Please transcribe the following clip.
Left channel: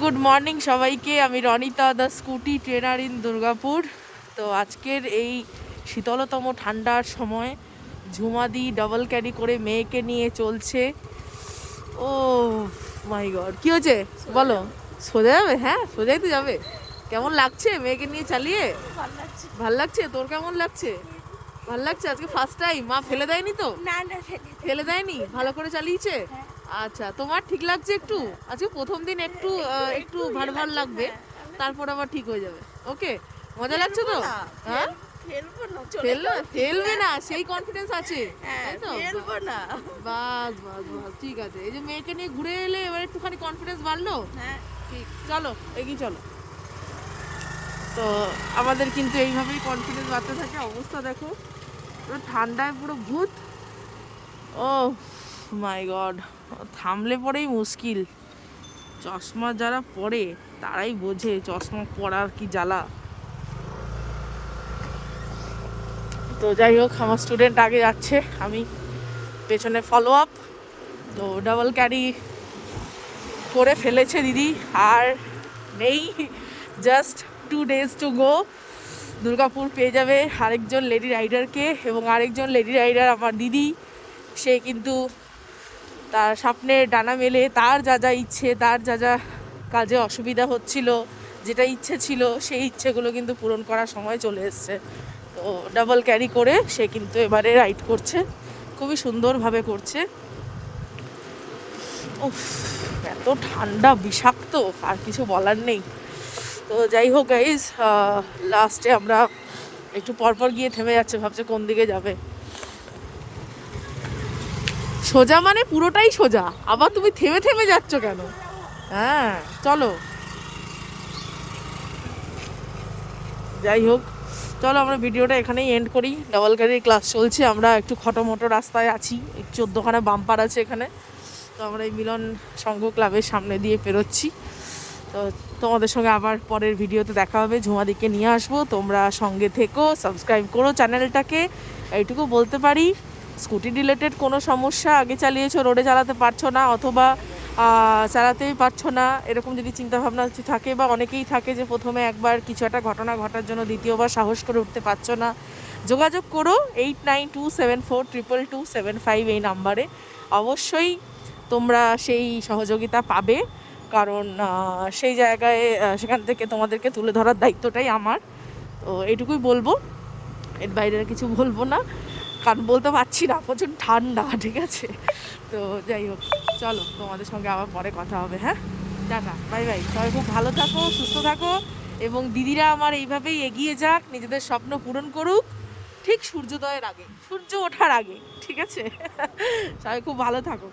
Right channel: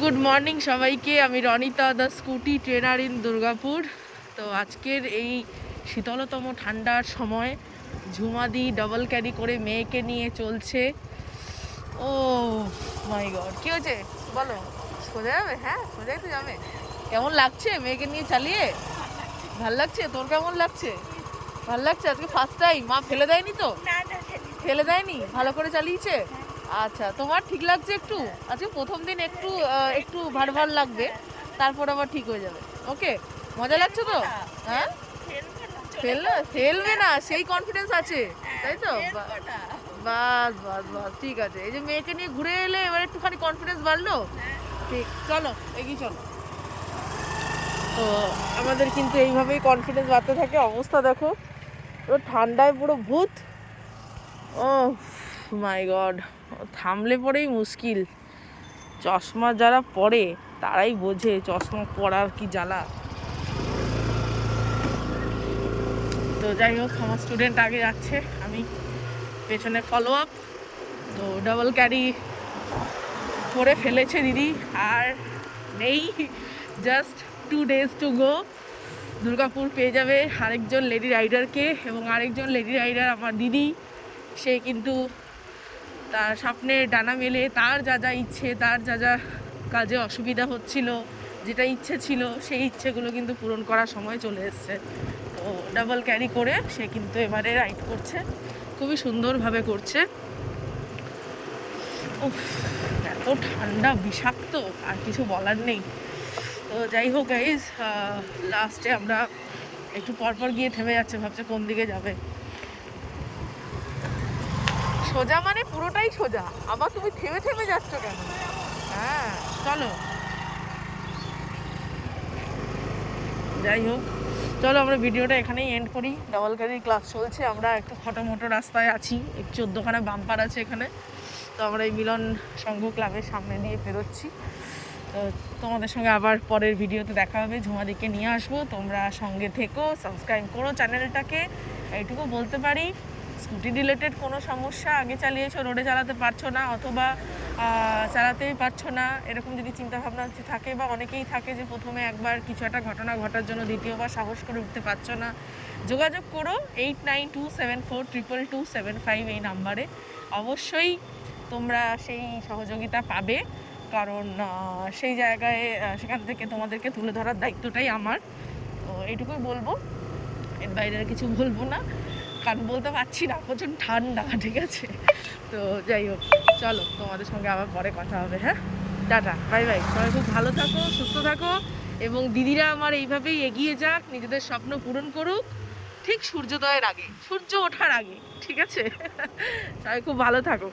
Good morning সবাইকে। আমি Ronita, the scooty trainer in Durgapur. তো আজকের এই শীতলতম ঠান্ডার সময় ঝুমাদি ডাবল ক্যারি করে মেয়েকে নিয়ে চলছে। ও মাই গড, কি হয়েছে বলো? সোজা যাবে? হ্যাঁ, সোজাই তো যাবে। কেমন লাগছে মেয়েকে নিয়ে চালিয়ে? ভাল লাগছে। তোর কেমন লাগছে? ভাল লাগছে। আজকে ফার্স্ট টাইম। মা ফেলে দেয়নি তো? না না ফেলে দেয়নি, ভালো করে চালিয়েছে। আচ্ছা, তোমার ঠিক লাগছে একটু? আজকে প্রথম দিন একটু একটু ভার ভার লাগবে, তারপর আবার ঠিক হয়ে যাবে। ওকে, মজা লাগছে তো? হ্যাঁ, ফেলবে না, সেই কনফিডেন্স আছে, তাই তো? বাস বাস বাস, ঠিক আছে। এই যে মেয়েকে নিয়ে ঘুরে এলে এবার একটুখানি কনফিডেন্স বাড়লো। ঠিক, চলো এগিয়ে চলো। তো আমাদের কিন্তু এইভাবেই কনফিডেন্স বাড়তে থাকে। অবস্থা দেখো, পুরো ঠান্ডায় পুরো ভূত। ও মাই গড, থামলে পরেই মুশকিল। চশমা যারা পরে তারাই বোঝে চশমা পরার কি জ্বালা। তো যাই হোক, আমার স্টুডেন্ট আগে যাচ্ছে, আমি পেছনে ফলো আপ। তো ডাবল ক্যারি করে ফেলেছে দিদি, আর নেই, just 2 days to go. Durgapur পেয়ে যাবে আরেকজন লেডি রাইডারকে, এবং আরেকজন লেডি রাইডার আমার দিদি। সে কিন্তু তার স্বপ্নে ডানা মেলে, তার যা যা ইচ্ছে, তার যা যা কাজে অসুবিধা হচ্ছিল, যেটা ইচ্ছে ছিল সেই ইচ্ছেগুলো কিন্তু পূরণ করার সময় চলে এসছে। তো ডাবল ক্যারি করে সে কিন্তু এবারে রাইড করছে, খুবই সুন্দরভাবে করছে। উফ, এত ঠান্ডা, বিষাক্ত, আর কিছু বলার নেই। তো যাই হোক গাইজ, লাস্টে আমরা একটু পরপর গিয়ে থেমে যাচ্ছে, ভাবছে কোন দিকে যাবে। সোজা মানে পুরোটাই সোজা, আবার তুমি থেমে থেমে যাচ্ছ কেন? হ্যাঁ চলো, যাই হোক, চলো আমরা ভিডিওটা এখানেই এন্ড করি। ডাবল ক্যারির ক্লাস চলছে, আমরা একটু খটোমটো রাস্তায় আছি, 14খানা বাম্পার আছে এখানে। তো আমরা এই মিলন সংঘ ক্লাবের সামনে দিয়ে পেরোচ্ছি। তো তোমাদের সঙ্গে আবার পরের ভিডিওতে দেখা হবে, ঝুমাদিকে নিয়ে আসবো। তোমরা সঙ্গে থেকো, সাবস্ক্রাইব করো চ্যানেলটাকে। এইটুকু বলতে পারি, স্কুটি রিলেটেড কোনো সমস্যা, আগে চালিয়েছো রোডে চালাতে পারছো না, অথবা চালাতেই পারছো না, এরকম যদি চিন্তাভাবনা থাকে, বা অনেকেই থাকে যে প্রথমে একবার কিছু একটা ঘটনা ঘটার জন্য দ্বিতীয়বার সাহস করে উঠতে পারছো না, যোগাযোগ করো 8927422275 এই নাম্বারে। অবশ্যই তোমরা সেই সহযোগিতা পাবে, কারণ সেই জায়গায় সেখান থেকে তোমাদেরকে তুলে ধরার দায়িত্বটাই আমার। তো এইটুকুই বলবো, এর বাইরে কিছু বলবো না, কারণ বলতে পারছি না, প্রচুর ঠান্ডা। ঠিক আছে, তো যাই হোক, চলো তোমাদের সঙ্গে আবার পরে কথা হবে। হ্যাঁ, টাটা, বাই বাই। সবাই খুব ভালো থাকো, সুস্থ থাকো, এবং দিদিরা আমার এইভাবেই এগিয়ে যাক, নিজেদের স্বপ্ন পূরণ করুক, ঠিক সূর্যোদয়ের আগে, সূর্য ওঠার আগে। ঠিক আছে, সবাই খুব ভালো থাকো।